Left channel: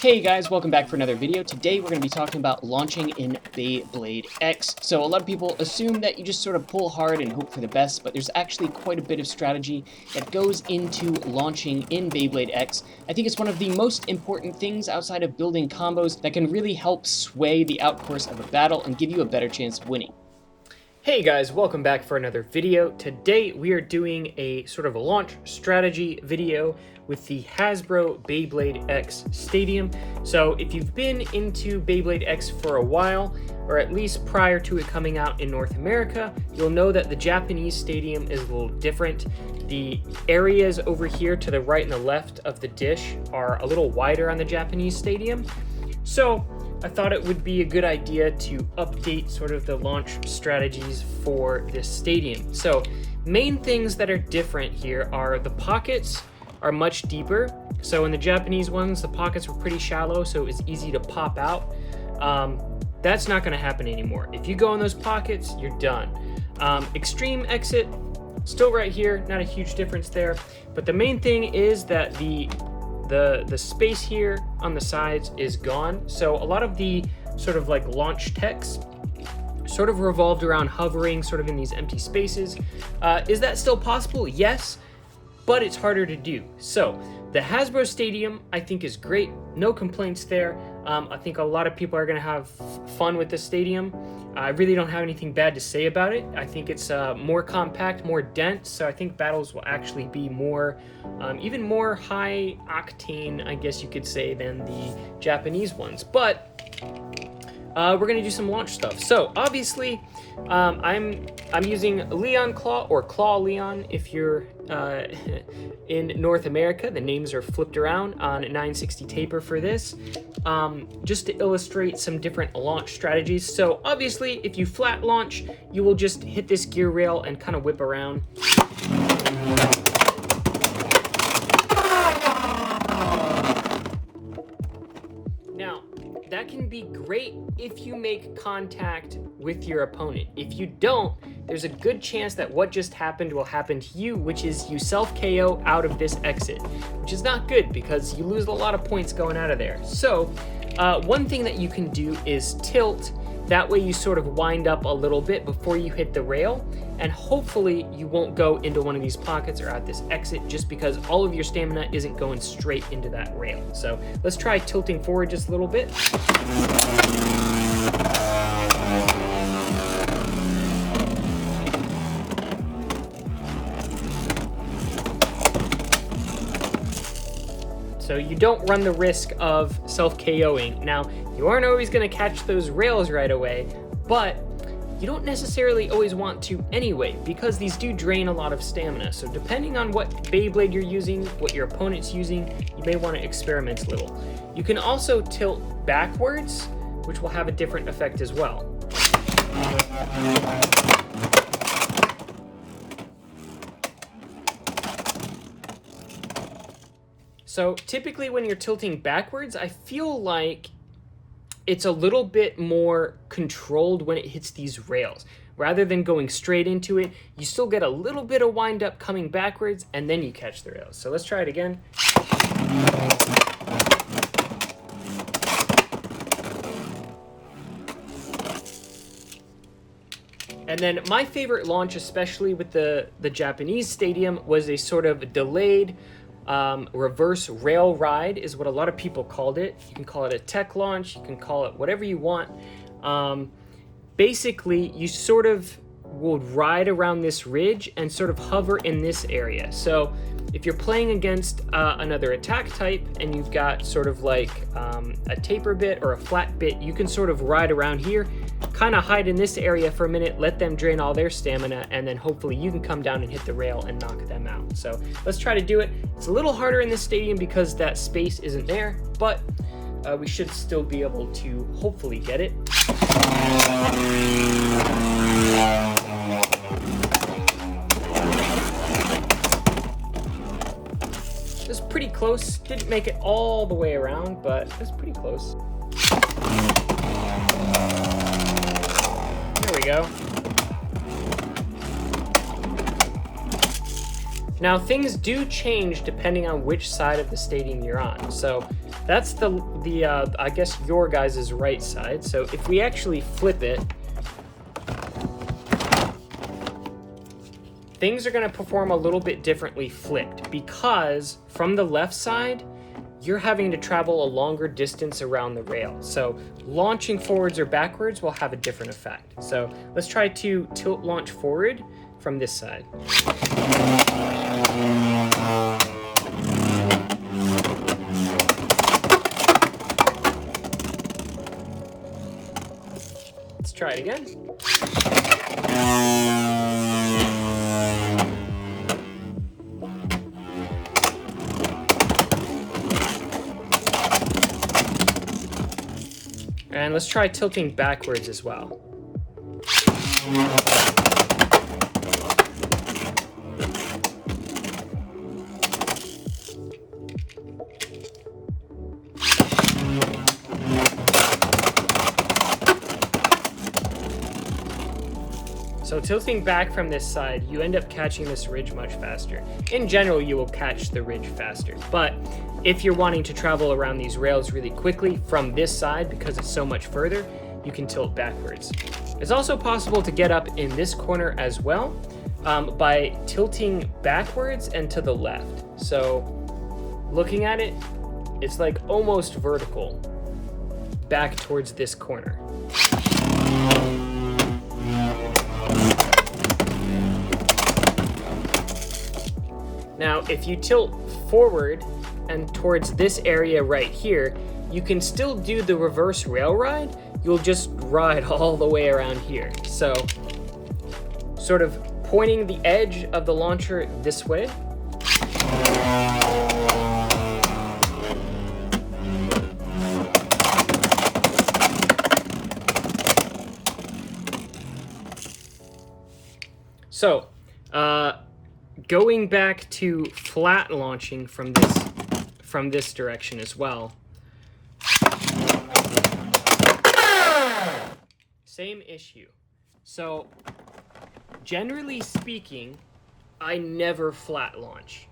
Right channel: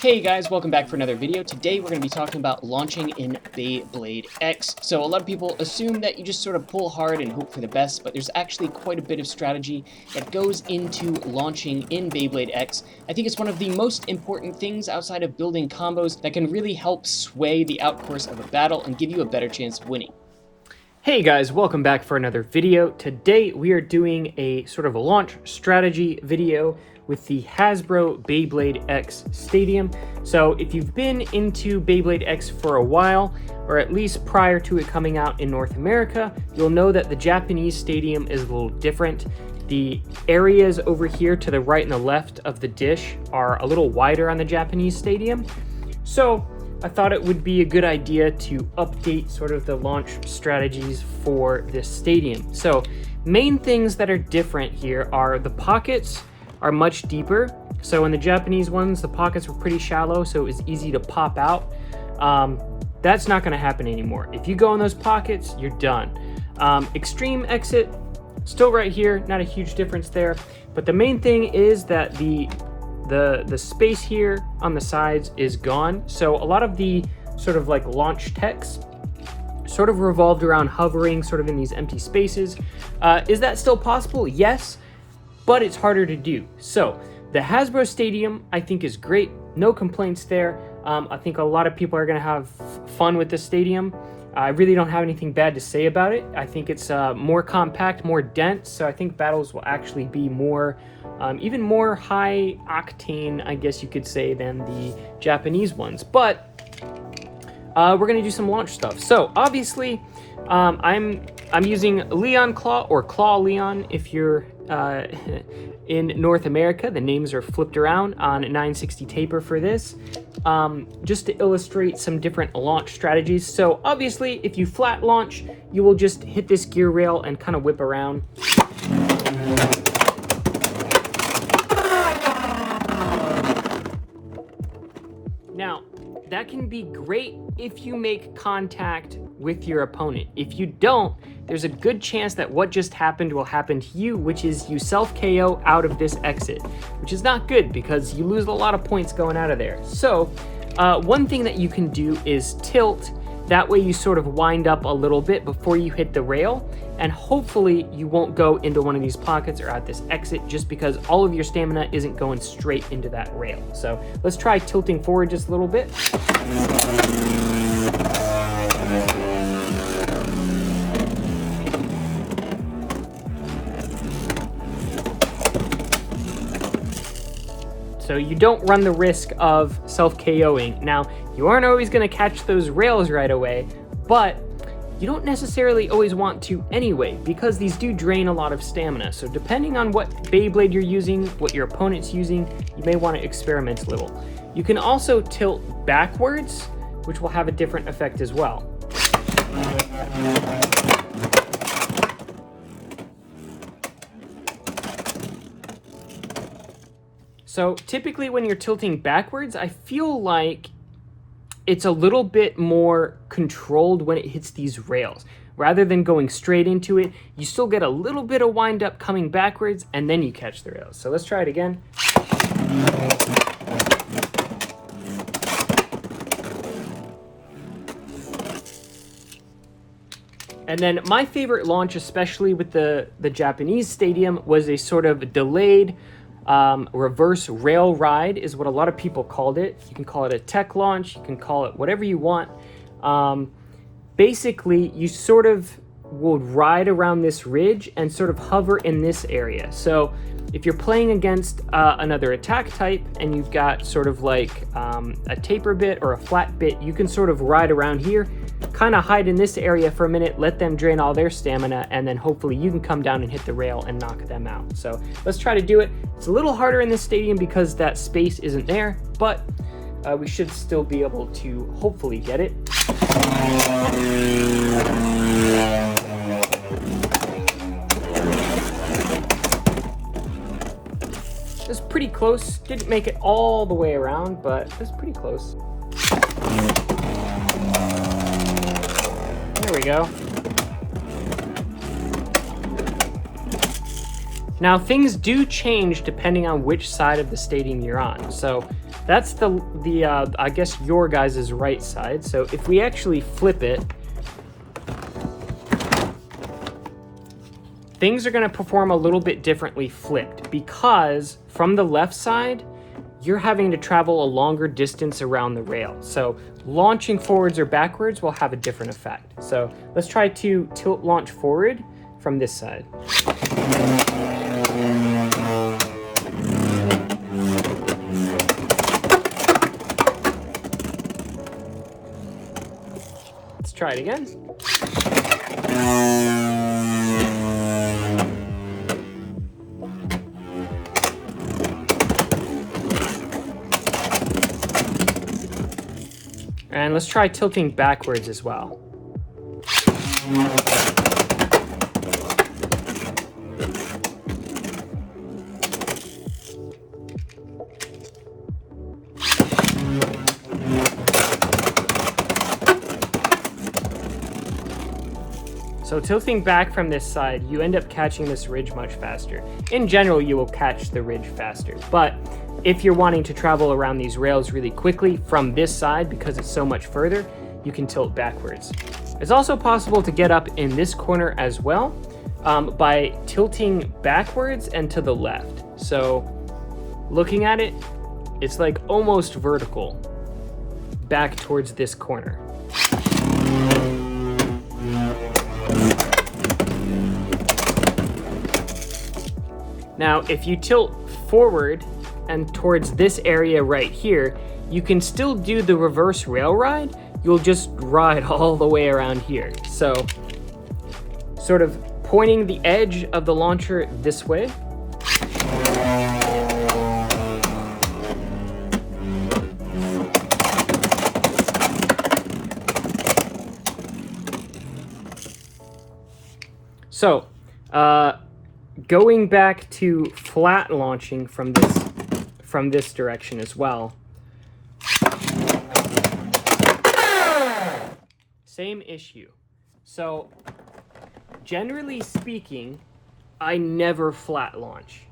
Hey guys, welcome back for another video. Today we're going to be talking about launching in Beyblade X. So a lot of people assume that you just sort of pull hard and hope for the best, but there's actually quite a bit of strategy that goes into launching in Beyblade X. I think it's one of the most important things outside of building combos that can really help sway the outcourse of a battle and give you a better chance of winning. Hey guys, welcome back for another video. Today we are doing a sort of a launch strategy video with the Hasbro Beyblade X Stadium. So if you've been into Beyblade X for a while, or at least prior to it coming out in North America, you'll know that the Japanese stadium is a little different. The areas over here to the right and the left of the dish are a little wider on the Japanese stadium. So I thought it would be a good idea to update sort of the launch strategies for this stadium. So main things that are different here are the pockets are much deeper. So in the Japanese ones, the pockets were pretty shallow, so it was easy to pop out. That's not going to happen anymore. If you go in those pockets, you're done. Extreme exit, still right here, not a huge difference there. But the main thing is that the space here on the sides is gone. So a lot of the sort of like launch text sort of revolved around hovering sort of in these empty spaces. Is that still possible? Yes, but it's harder to do. So the Hasbro Stadium, I think, is great. No complaints there. I think a lot of people are gonna have fun with this stadium. I really don't have anything bad to say about it. I think it's more compact, more dense, so I think battles will actually be more even more high octane, I guess you could say, than the Japanese ones. But we're gonna do some launch stuff. So obviously, I'm using Leon Claw, or Claw Leon if you're in North America. The names are flipped around on 960 taper for this, just to illustrate some different launch strategies. So obviously, if you flat launch, you will just hit this gear rail and kind of whip around. That can be great if you make contact with your opponent. If you don't, there's a good chance that what just happened will happen to you, which is you self-KO out of this exit, which is not good because you lose a lot of points going out of there. So one thing that you can do is tilt. That way you sort of wind up a little bit before you hit the rail, and hopefully you won't go into one of these pockets or at this exit just because all of your stamina isn't going straight into that rail. So let's try tilting forward just a little bit. So you don't run the risk of self-KOing. Now, you aren't always going to catch those rails right away, but you don't necessarily always want to anyway, because these do drain a lot of stamina. So depending on what Beyblade you're using, what your opponent's using, you may want to experiment a little. You can also tilt backwards, which will have a different effect as well. So typically when you're tilting backwards, I feel like it's a little bit more controlled when it hits these rails. Rather than going straight into it, you still get a little bit of wind up coming backwards, and then you catch the rails. So let's try it again. And then my favorite launch, especially with the Japanese stadium, was a sort of delayed reverse rail ride is what a lot of people called it. You can call it a tech launch, you can call it whatever you want. Basically, you sort of will ride around this ridge and sort of hover in this area. So if you're playing against another attack type and you've got sort of like a taper bit or a flat bit, you can sort of ride around here, kind of hide in this area for a minute, let them drain all their stamina, and then hopefully you can come down and hit the rail and knock them out. So let's try to do it. It's a little harder in this stadium because that space isn't there, but we should still be able to hopefully get it. That's pretty close. Didn't make it all the way around, but that's pretty close. There we go. Now, things do change depending on which side of the stadium you're on. So that's the I guess your guys' right side. So if we actually flip it, things are going to perform a little bit differently flipped, because from the left side, you're having to travel a longer distance around the rail. So launching forwards or backwards will have a different effect. So let's try to tilt launch forward from this side. Let's try it again. And let's try tilting backwards as well. So tilting back from this side, you end up catching this ridge much faster. In general, you will catch the ridge faster, but if you're wanting to travel around these rails really quickly from this side, because it's so much further, you can tilt backwards. It's also possible to get up in this corner as well by tilting backwards and to the left. So looking at it, it's like almost vertical back towards this corner. Now, if you tilt forward and towards this area right here, you can still do the reverse rail ride. You'll just ride all the way around here. So, sort of pointing the edge of the launcher this way. So, going back to flat launching from this direction as well. Same issue. So, generally speaking, I never flat launch.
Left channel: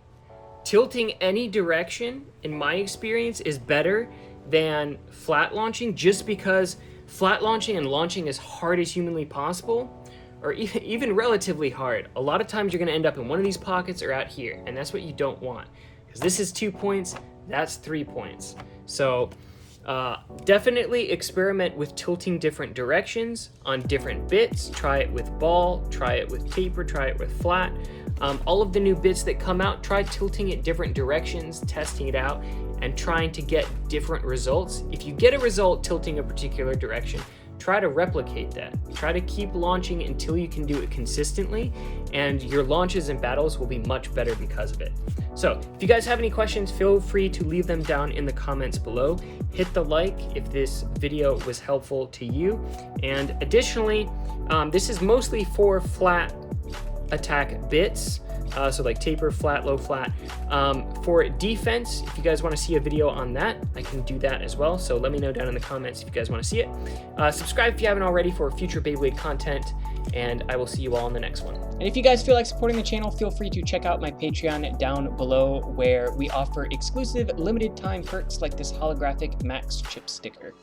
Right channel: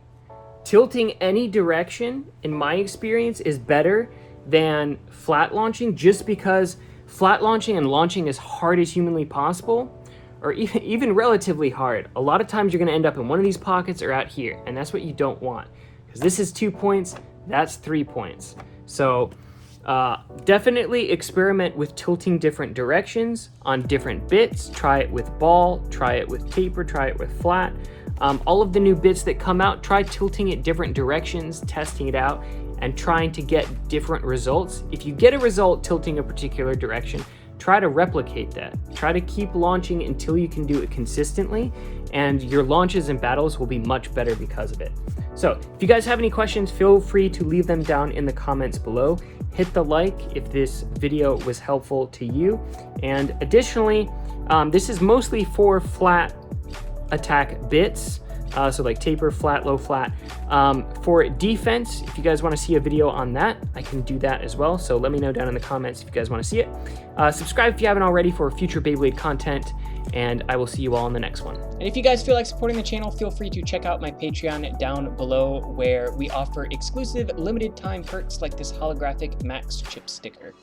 Tilting any direction, in my experience, is better than flat launching, just because flat launching and launching as hard as humanly possible, or even relatively hard. A lot of times you're going to end up in one of these pockets or out here, and that's what you don't want, because this is 2 points, that's 3 points. So definitely experiment with tilting different directions on different bits. Try it with ball, try it with taper, try it with flat. All of the new bits that come out, try tilting it different directions, testing it out, and trying to get different results. If you get a result tilting a particular direction, try to replicate that. Try to keep launching until you can do it consistently, and your launches and battles will be much better because of it. So if you guys have any questions, feel free to leave them down in the comments below. Hit the like if this video was helpful to you. And additionally, this is mostly for flat attack bits. So like taper, flat, low, flat. For defense, if you guys want to see a video on that, I can do that as well. So let me know down in the comments if you guys want to see it. Subscribe if you haven't already for future Beyblade content, and I will see you all in the next one. And if you guys feel like supporting the channel, feel free to check out my Patreon down below, where we offer exclusive limited time perks like this holographic Max chip sticker.